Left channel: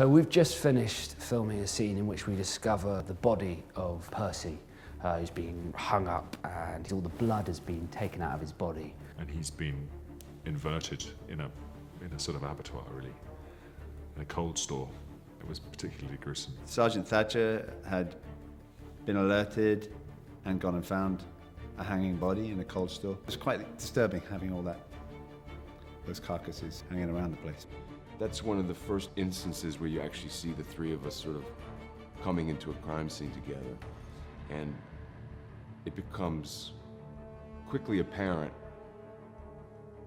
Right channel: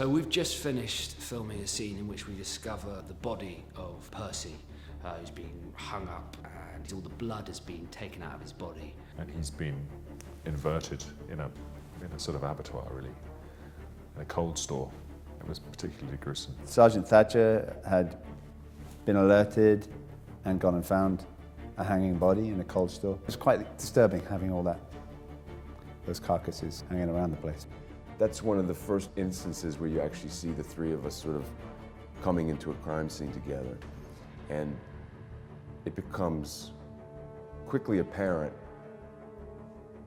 So we've just finished filming a scene in which we discover the body of Percy, who's being hung up and all the blood has been taken out of his body. And he's been inverted in a sort of abattoir, really, in a cold store. It was particularly gruesome. Sergeant Thatcher had been alerted and gone and found a hanging body in a cold store. It was quite disturbing having all those carcasses hanging around the place. That's one of the first instances where you actually see the three of us sort of coming into a crime scene together. And it becomes quickly apparent,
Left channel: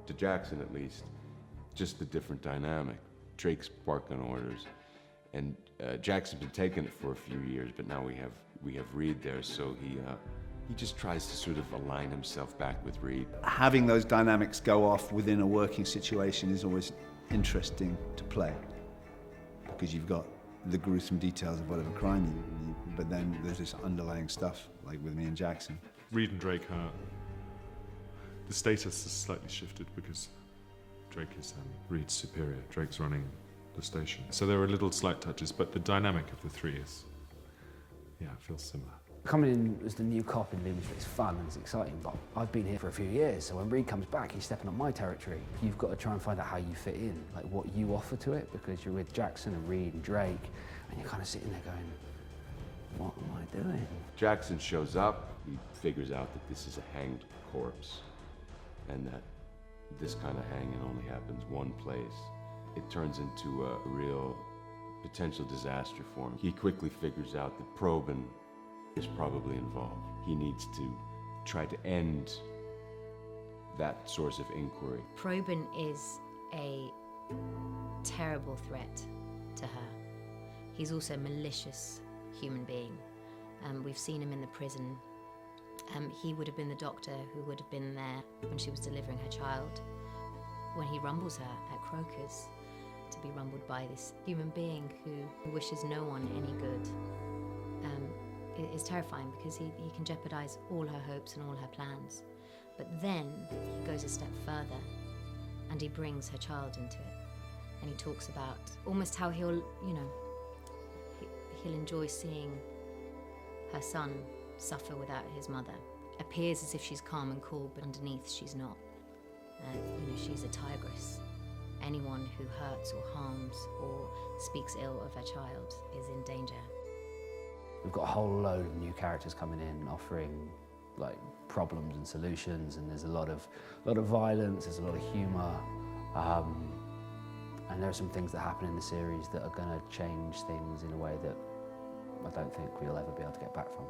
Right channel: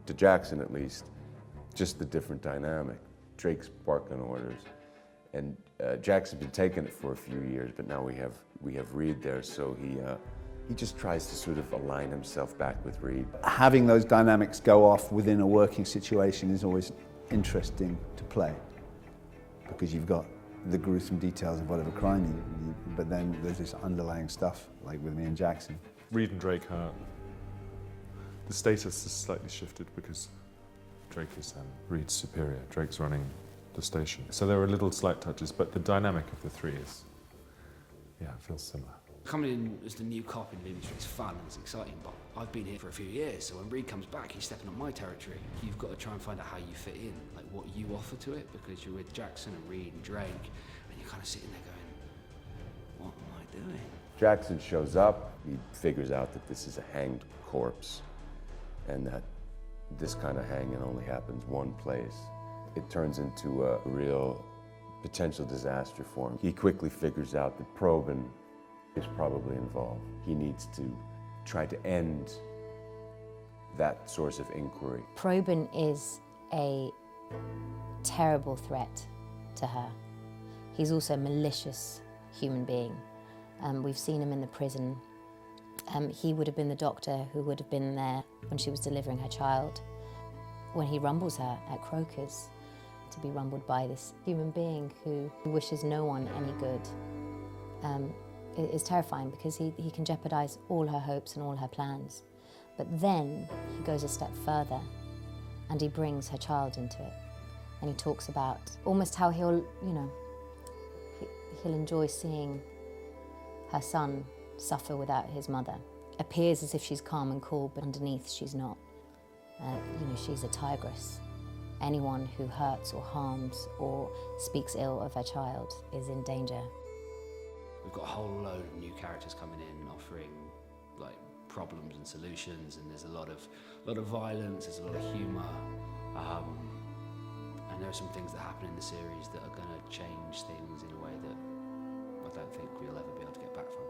to Jackson at least, just the different dynamic. Drake's barking orders, and Jackson's been taking it for a few years, but now we have Reid there, so he just tries to sort of align himself back with Reid. Having those dynamics go off within a working situation is always interesting to play, because you've got the gruesome details of whatever crime but then there's this underlying stuff, like with me and Jackson. Reid and Drake, the status has slightly shifted because Drake is Reid's superior. Drake's running the station. So there are little slight touches, but the dynamic of the three is, it feels similar. Coming in as the new cop in Leeds is fun and it's exciting, but I've been here for a few years, so when Reid comes back, he's stepping on my territory. You've got to try and find out how you fit in, like what you offer to it, because you're with Jackson and Reid and Drake, and you're kind of sitting there going, what am I doing? Jackson shows up, he figures out that this is a hanged corpse, and that this kind of hanging only happens one place. It turns into a real potential disaster for him. He quickly figures out that Probin is probably involved. He needs to try to end that source of inquiry. Probin is a terrible threat to her. He's also a malicious human being. We've seen him in the prison. He would have been the doctor who would have been there when she was delivering her child. When he rumbles her at Croker's, to be rumbled by this human being who wishes no one any good. It is terrifying because he can jeopardize all her hopes and all her plans. But then he goes a step further and he brings her child into it. And he talks about almost how he'll enjoy seeing her son suffer without his mother. Appears as if she's calm and cool, but underneath she's not. She's a tigress. Anyone who hurts or harms or speaks ill of her child is in danger. We've got a whole load of new characters coming in, offering like problems and solutions, and there's a lot of violence, there's a lot of humour, and there are some things that happen in the series that are going to change things in a way that I don't think we'll ever be able to get back from.